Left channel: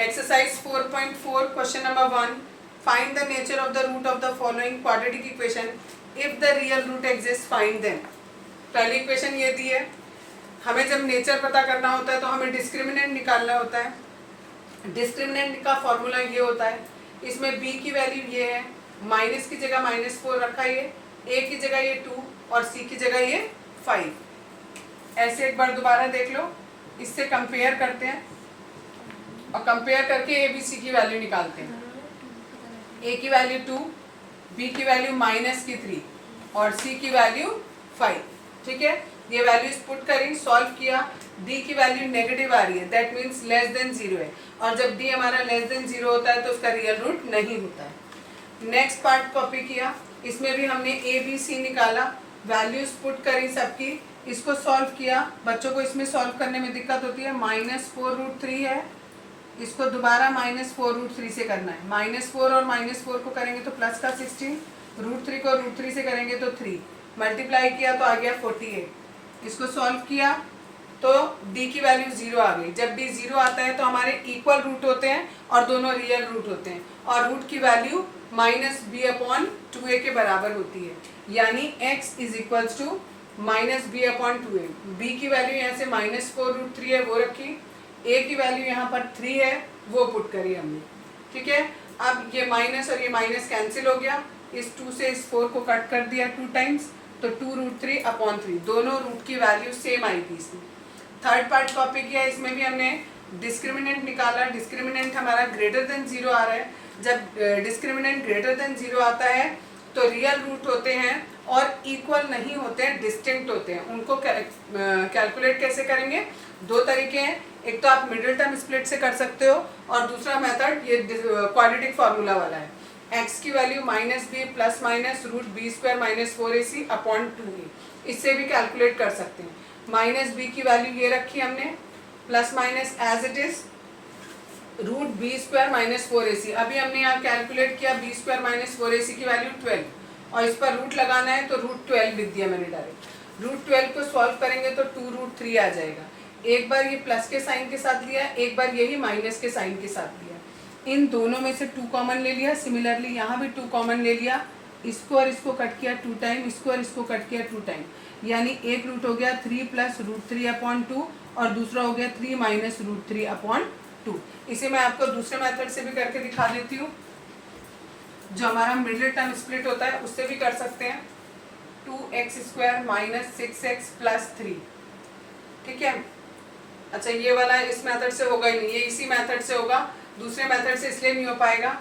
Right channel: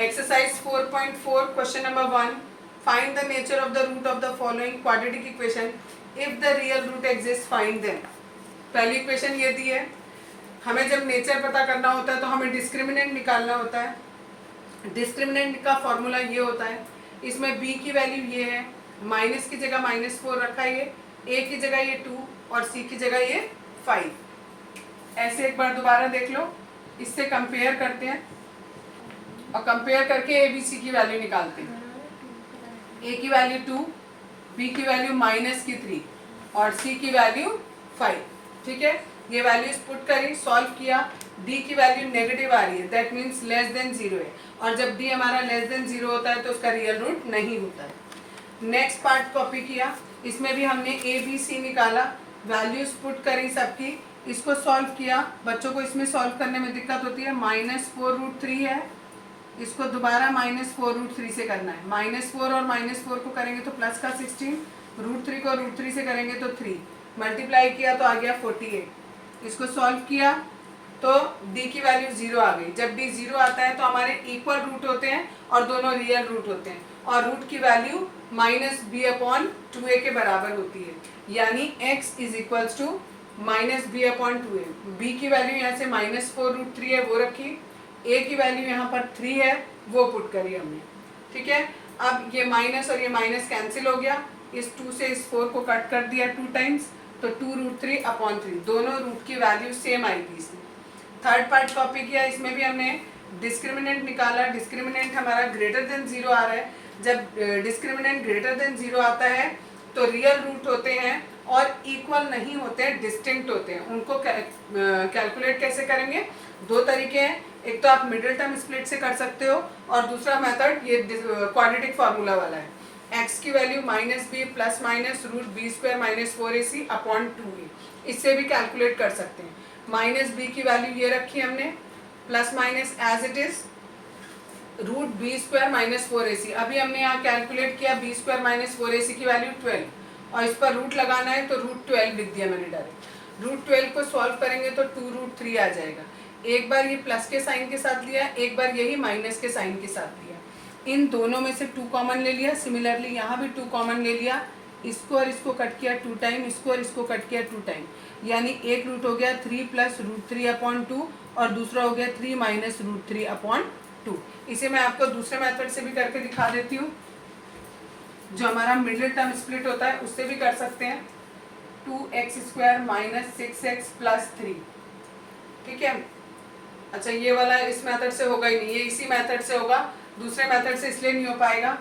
Exercise 4.4 question number 1. Find the nature of the root of the following quadratic equation. If the real root exists, find them. पहली equation ये दी है, हमें जब nature पता करना होता है तो हमें डिस्क्रिमिनेंट निकालना होता है। डिस्क्रिमिनेंट का फॉर्मूला ये होता है, इसमें b की वैल्यू ये है, माइनस की जगह -4 रखा है, a की जगह ये 2 और c की जगह ये 5। ऐसे एक बार दोबारा देख लो, इससे कंपेयर करते हैं और कंपेयर करके ए बी सी की वैल्यू निकालते हैं। ए की वैल्यू 2, बी की वैल्यू -3 और सी की वैल्यू 5। ठीक है, ये वैल्यूज पुट करी, सॉल्व किया, डी की वैल्यू नेगेटिव आ रही है, दैट मीन्स लेस देन 0 है, और जब डी हमारा लेस देन 0 होता है तो उसका रियल रूट नहीं होता है। नेक्स्ट पार्ट कॉपी किया, इसमें भी हमने ए बी सी निकाला, वैल्यूज पुट करी सबकी, इसको सॉल्व किया। बच्चों को इसमें सॉल्व करने में दिक्कत होती है, -4√3 है, इसको दोबारा -4√3 से करना है। -4 और -4 को करेंगे तो प्लस का 16, √3 को √3 से करेंगे तो 3, मल्टीप्लाई किया तो आ गया 48। इसको सॉल्व किया तो d की वैल्यू 0 आ गई। जब d 0 आता है तो हमारे इक्वल रूट होते हैं और दोनों रियल रूट होते हैं, और रूट की वैल्यू -b/2a के बराबर होती है, यानी x = -b/2a। b की वैल्यू यहाँ से -4√3 है वो रखी, a की वैल्यू यहाँ पर 3 है वो पुट करी हमने। ठीक है, अब ये माइनस और ये माइनस कैंसिल हो गया, इस 2 से इस 4 को कट कर दिया 2 टाइम्स, तो 2√3/3, दोनों रूट की वैल्यू सेम आएगी इसमें। थर्ड पार्ट कॉपी किया, इसमें भी हमने डिस्क्रिमिनेंट निकाला। डिस्क्रिमिनेंट हमारा ग्रेटर देन 0 आ रहा है, जब डिस्क्रिमिनेंट ग्रेटर देन 0 आता है तो रियल रूट होते हैं और इक्वल नहीं होते हैं, डिस्टिंक्ट होते हैं। उनको कैलकुलेट कैसे करेंगे? दो तरीके हैं, एक तो आप मिडिल टर्म स्प्लिट से कर सकते हो और दूसरा मेथड ये क्वाड्रेटिक फार्मूला वाला है। x की value -b plus minus √b² - 4ac/2a, इससे भी कैलकुलेट कर सकते हैं। -b की वैल्यू ये रखी हमने, plus minus as it is √b² - 4ac। अभी हमने यहाँ कैलकुलेट किया b² - 4ac की वैल्यू 12, और इस पर रूट लगाना है तो √12 लिख दिया मैंने डायरेक्ट। √12 को सॉल्व करेंगे तो 2√3 आ जाएगा। एक बार ये प्लस के साइन के साथ लिया, एक बार यही माइनस के साइन के साथ लिया, इन दोनों में से 2 कॉमन ले लिया। सिमिलरली यहाँ भी 2 कॉमन ले लिया, इसको और इसको कट किया 2 टाइम, इसको और इसको कट किया 2 टाइम, यानी एक रूट हो गया 3 + √3/2 और दूसरा हो गया 3 - √3/2। इसे मैं आपको दूसरे मेथड से भी करके दिखा देती हूँ, जो हमारा मिडिल टर्म स्प्लिट होता है उससे भी कर सकते हैं। 2x² - 6x + 3। ठीक है, अच्छा ये वाला इस मेथड से होगा ही नहीं, ये इसी मेथड से होगा, दूसरे मेथड से इसलिए नहीं हो पाएगा।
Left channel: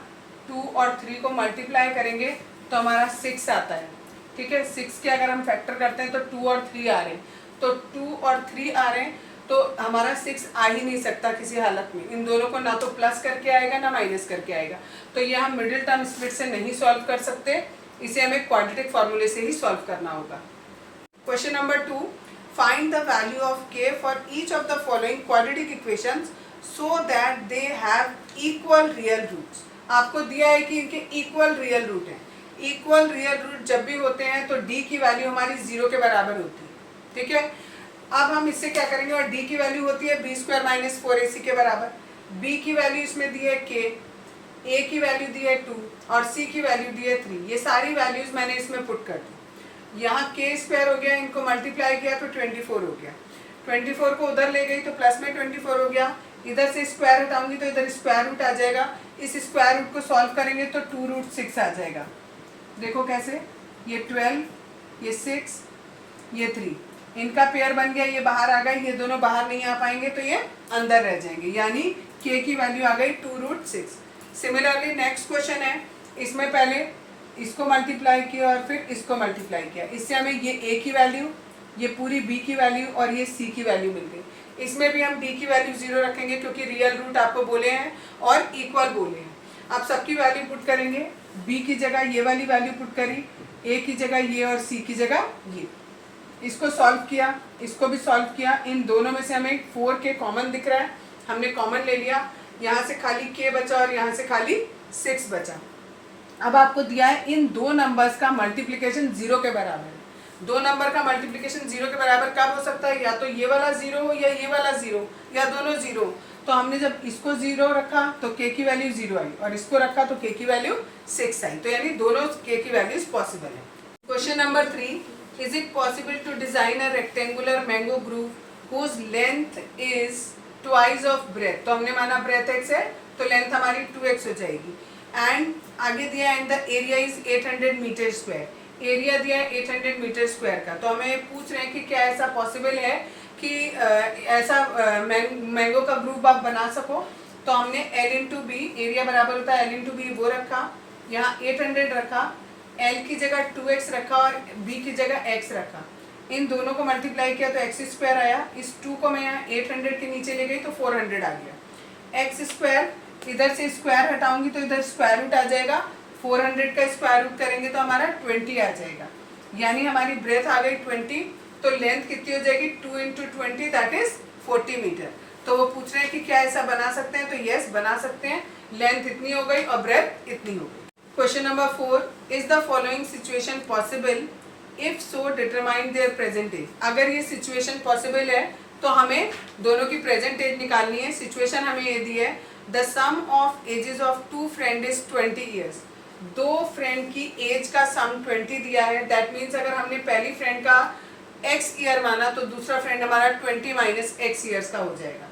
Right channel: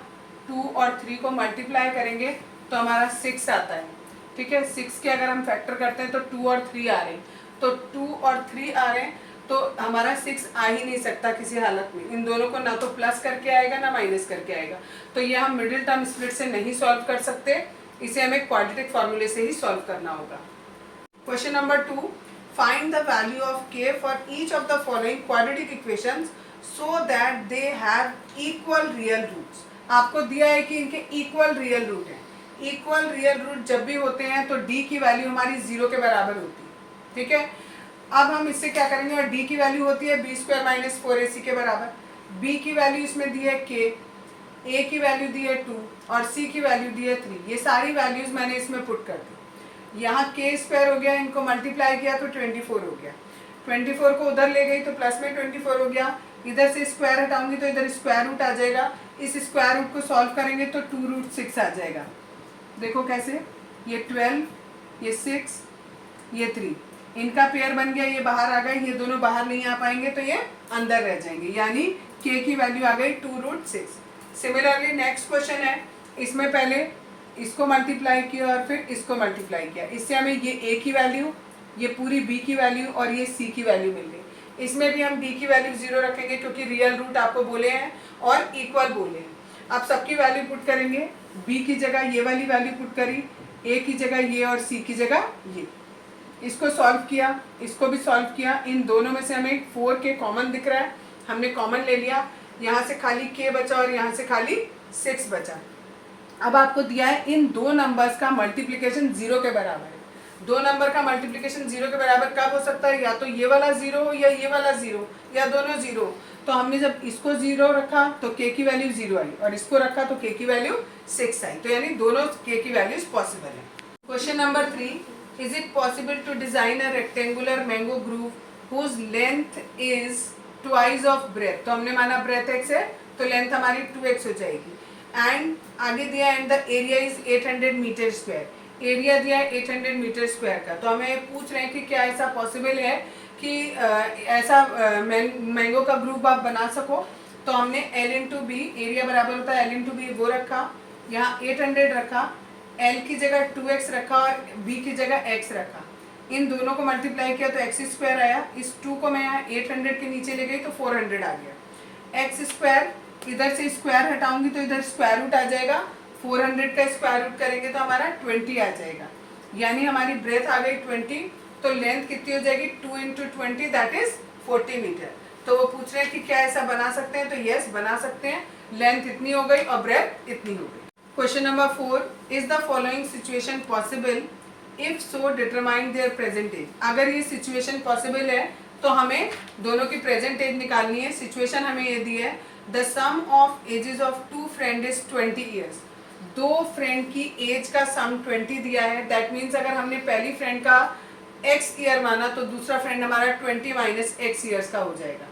2 और 3 को मल्टीप्लाई करेंगे तो हमारा 6 आता है। ठीक है, 6 के अगर हम फैक्टर करते हैं तो 2 और 3 आ रहे हैं, तो 2 और 3 आ रहे हैं तो हमारा 6 आ ही नहीं सकता किसी हालत में। इन दोनों को ना तो प्लस करके आएगा ना माइनस करके आएगा, तो ये हम मिडिल टर्म स्प्लिट से नहीं सॉल्व कर सकते, इसे हमें क्वाड्रेटिक फॉर्मूले से ही सॉल्व करना होगा। Question number 2, find the value of k for each of the following quadratic equations so that they have equal real roots। आपको दिया है कि इनके इक्वल रियल रूट हैं। इक्वल रियल रूट जब भी होते हैं तो d की वैल्यू हमारी 0 के बराबर होती है। ठीक है, अब हम इससे क्या करेंगे, और d की वैल्यू होती है b² - 4ac के बराबर। b की वैल्यू इसमें दी है k, a की वैल्यू दी है 2 और c की वैल्यू दी है 3। ये सारी वैल्यूज मैंने इसमें पुट कर दी। यहाँ k² हो गया, इनको मल्टीप्लाई किया तो 24 हो गया, 24 को उधर ले गई तो प्लस में 24 हो गया, इधर से स्क्वायर हटाऊंगी तो इधर स्क्वायर रूट आ जाएगा, इस स्क्वायर रूट को सॉल्व करेंगे तो 2√6 आ जाएगा। देखो कैसे, ये 12, ये 6, ये 3, इनका पेयर बन गया, ये बाहर आ गए, ये दोनों बाहर नहीं आ पाएंगे तो ये अंदर रह जाएंगे, यानी k की वैल्यू आ गई 2√6। सिमिलरली नेक्स्ट क्वेश्चन है, इसमें पहले इसको मल्टीप्लाई किया और फिर इसको मल्टीप्लाई किया, इससे हमें ये a की वैल्यू, ये पूरी b की वैल्यू और ये c की वैल्यू मिल गई। इसमें भी हम d की वैल्यू 0 रखेंगे क्योंकि रियल रूट आपको बोले हैं और इक्वल बोले हैं। अब सबकी वैल्यू पुट करेंगे, b की जगह ये वाली वैल्यू पुट करी, a की जगह ये और c की जगह ये। इसको सॉल्व किया, इसको भी सॉल्व किया, इन दोनों में से हमें 4k कॉमन दिख रहा है, हमने कॉमन ले लिया, यहाँ से खाली k बचा और यहाँ से खाली 6 बचा। अब आपको दिया है इन दो नंबर्स का मल्टीप्लिकेशन 0 के बराबर है, दो नंबर का मल्टीप्लिकेशन 0 के बराबर कब हो सकता है, या तो ये वाला 0 हो या ये वाला 0 या दोनों 0। तो हमने जब इसको 0 रखा तो k की वैल्यू 0 आई और इसको रखा तो k की वैल्यू 6 आई, तो यानी दोनों k की वैल्यूज पॉसिबल है। Question number 3, is it possible to design a rectangular mango grove whose length is twice of breadth. तो हमने माना ब्रेथ x है तो लेंथ हमारी 2x हो जाएगी। एंड आगे दिया and the area is 800 meter square, area दिया है 800 मीटर स्क्वायर का। तो हमें पूछ रहे हैं कि क्या ऐसा पॉसिबल है कि ऐसा मैंगो का ग्रुप आप बना सको। तो हमने L इंटू बी, एरिया बराबर होता है L इंटू बी, वो रखा, यहाँ 800 रखा, L की जगह 2x रखा और B की जगह x रखा। इन दोनों को मल्टीप्लाई किया तो x स्क्वायर आया, इस 2 को मैं यहाँ 800 के नीचे ले गई तो 400 आ गया। x स्क्वायर, इधर से स्क्वायर हटाऊंगी तो इधर स्क्वायर रूट आ जाएगा, 400 का स्क्वायर रूट करेंगे तो हमारा 20 आ जाएगा, यानी हमारी ब्रेथ आ गई 20। तो लेंथ कितनी हो जाएगी, 2 इंटू 20 दैट इज 40 मीटर। तो वो पूछ रहे हैं कि क्या ऐसा बना सकते हैं, तो यस बना सकते हैं, लेंथ इतनी हो गई और ब्रेथ इतनी हो गई। Question number 4, is the following situation possible, if so determine their present age. अगर ये सिचुएशन पॉसिबल है तो हमें दोनों की प्रेजेंट एज निकालनी है। सिचुएशन हमें ये दी है, the sum of ages of 2 friend is 20 years. दो फ्रेंड की एज का सम 20 दिया है, दैट मीन्स अगर हमने पहली फ्रेंड का x ईयर माना तो दूसरा फ्रेंड हमारा 20 माइनस x ईयर्स का हो जाएगा।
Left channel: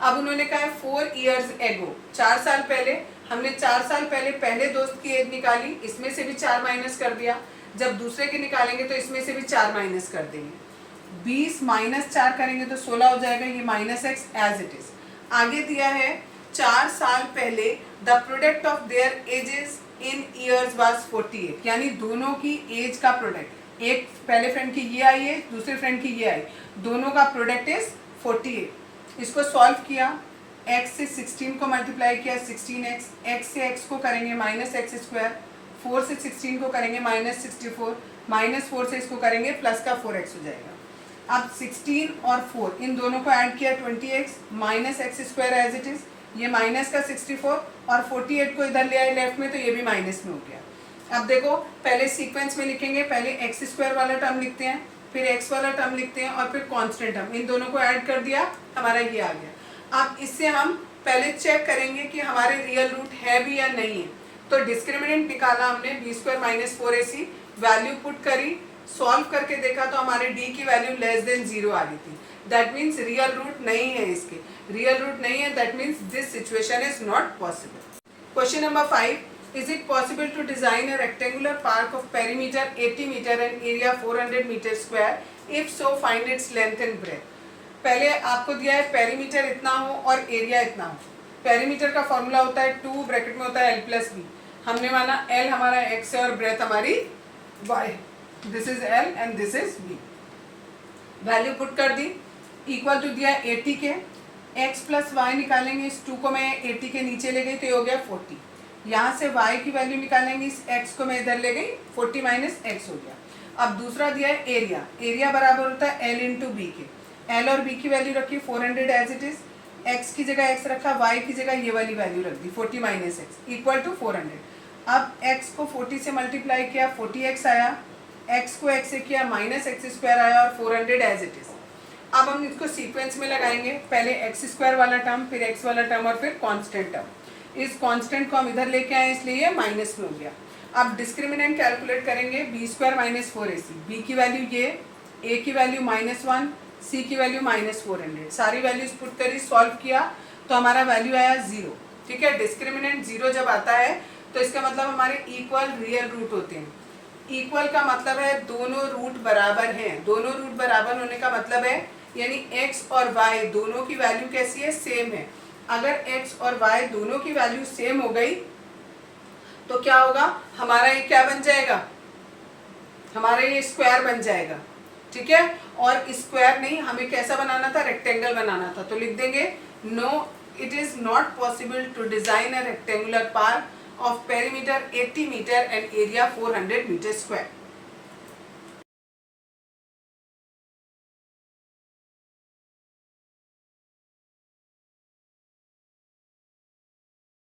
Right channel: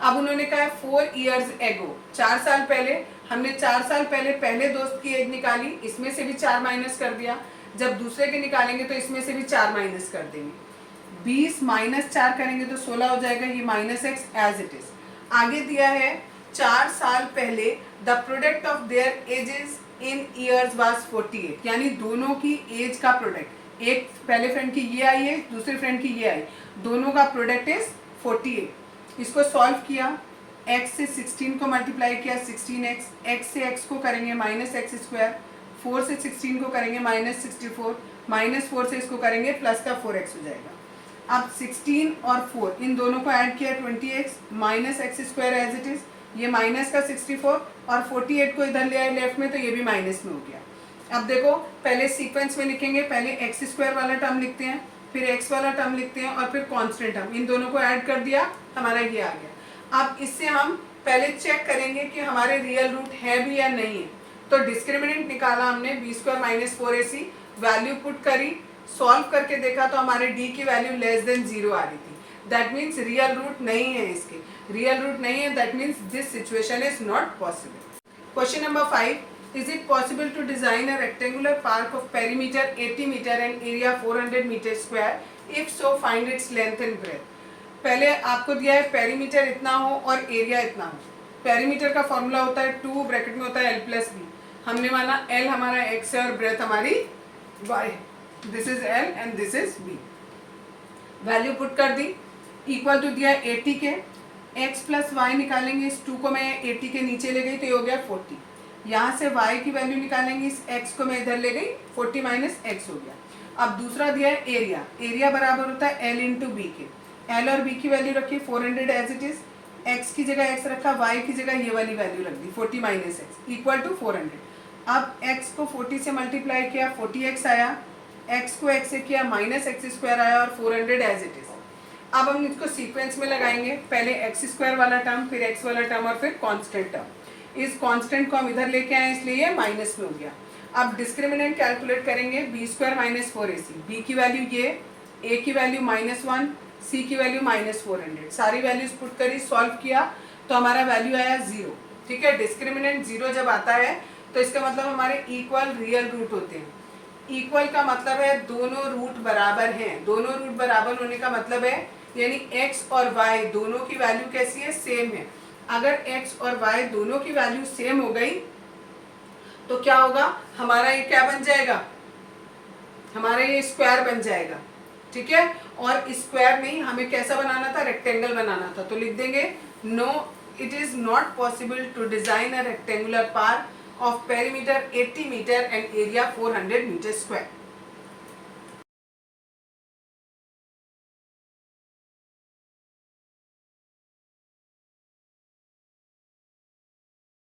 अब उन्होंने कहा है 4 ईयर्स एगो, 4 साल पहले। हमने 4 साल पहले पहले दोस्त की एज निकाली, इसमें से भी 4 माइनस कर दिया। जब दूसरे के निकालेंगे तो इसमें से भी 4 माइनस कर देंगे। 20 माइनस 4 करेंगे तो 16 हो जाएगा, ये minus x as it is. आगे दिया है 4 साल पहले the product of their ages in years was 48, यानी दोनों की एज का प्रोडक्ट, एक पहले फ्रेंड की ये आई है, दूसरे फ्रेंड की ये आई, दोनों का प्रोडक्ट इज 48। इसको सॉल्व किया, x से 16 को मल्टीप्लाई किया 16x, x से x को करेंगे माइनस एक्स स्क्वायर, 4 से 16 को करेंगे माइनस 64, माइनस 4 से इसको करेंगे प्लस का 4x हो जाएगा। अब 16 और 4 इन दोनों को ऐड किया 20x minus x square as it is, ये माइनस का 64 और 48 को इधर ले आए लेफ्ट में तो ये भी माइनस में हो गया। अब देखो पहले सीक्वेंस में लिखेंगे, पहले एक्स स्क्वायर वाला टर्म लिखते हैं, फिर एक्स वाला टर्म लिखते हैं और फिर कांस्टेंट टर्म, इन दोनों को ऐड कर दिया, हमारा ये आ गया। अब इससे हम पहले चेक करेंगे कि हमारे रियल रूट है भी या नहीं है। तो डिस्क्रिमिनेंट निकाला हमने, b square minus 4ac, value put करी, सॉल्व करके देखा तो हमारे डी की वैल्यू लेस देन 0 आ रही थी, दैट मीन्स रियल रूट नहीं है, इसके रियल रूट नहीं है, that means this situation is not possible. Question number 5, is it possible to design a rectangular park of perimeter 80 meter and area 400 meter square, if so find its length and breadth। पहले आपको दिया है perimeter इतना हो और area इतना हो। Perimeter का फॉर्मूला होता है 2 ब्रैकेट में होता है l प्लस बी, हमने माना l हमारा x है और ब्रेथ हमारी y, this is l and this is b। Value put कर दी, इक्वल टू दिया 80 के, x प्लस वाई निकालेंगे, इस 2 को मैं 80 के नीचे ले गई तो ये हो गया 40, यहाँ से y की वैल्यू निकालेंगे, इस x को मैं इधर ले गई, 40 माइनस x हो गया। अब दूसरा दिया है एरिया, एरिया बराबर होता है l इंटू बी के, l और b की वैल्यू रखी 400 एज इट इज, x की जगह x रखा, y की जगह ये वाली वैल्यू रख दी 40 माइनस x इक्वल टू 400। अब x को 40 से मल्टीप्लाई किया 40x आया, x को x से किया माइनस एक्स स्क्वायर आया और 400 एज इट इज। अब हम इसको सीक्वेंस में लगाएंगे, पहले एक्स स्क्वायर वाला टर्म, फिर एक्स वाला टर्म और फिर कांस्टेंट टर्म। इस कांस्टेंट को हम इधर लेके आए इसलिए ये माइनस में हो गया। अब डिस्क्रिमिनेंट कैलकुलेट करेंगे, b square minus 4ac, b की वैल्यू ये, ए की वैल्यू -1, सी की वैल्यू -400, सारी वैल्यूज पुट करी, सॉल्व किया तो हमारा वैल्यू आया 0। ठीक है, डिस्क्रिमिनेंट 0 जब आता है तो इसका मतलब हमारे इक्वल रियल रूट होते हैं। इक्वल का मतलब है दोनों रूट बराबर हैं, दोनों रूट बराबर होने का मतलब है यानी x और y दोनों की वैल्यू कैसी है, सेम है। अगर x और y दोनों की वैल्यू सेम हो गई तो क्या होगा, हमारा ये क्या बन जाएगा, हमारा ये स्क्वायर बन जाएगा। ठीक है, और स्क्वायर नहीं, हमें कैसा बनाना था, रेक्टेंगल बनाना था। तो लिख देंगे no it is not possible to design a rectangular park of perimeter 80 meter and area 400 meter square।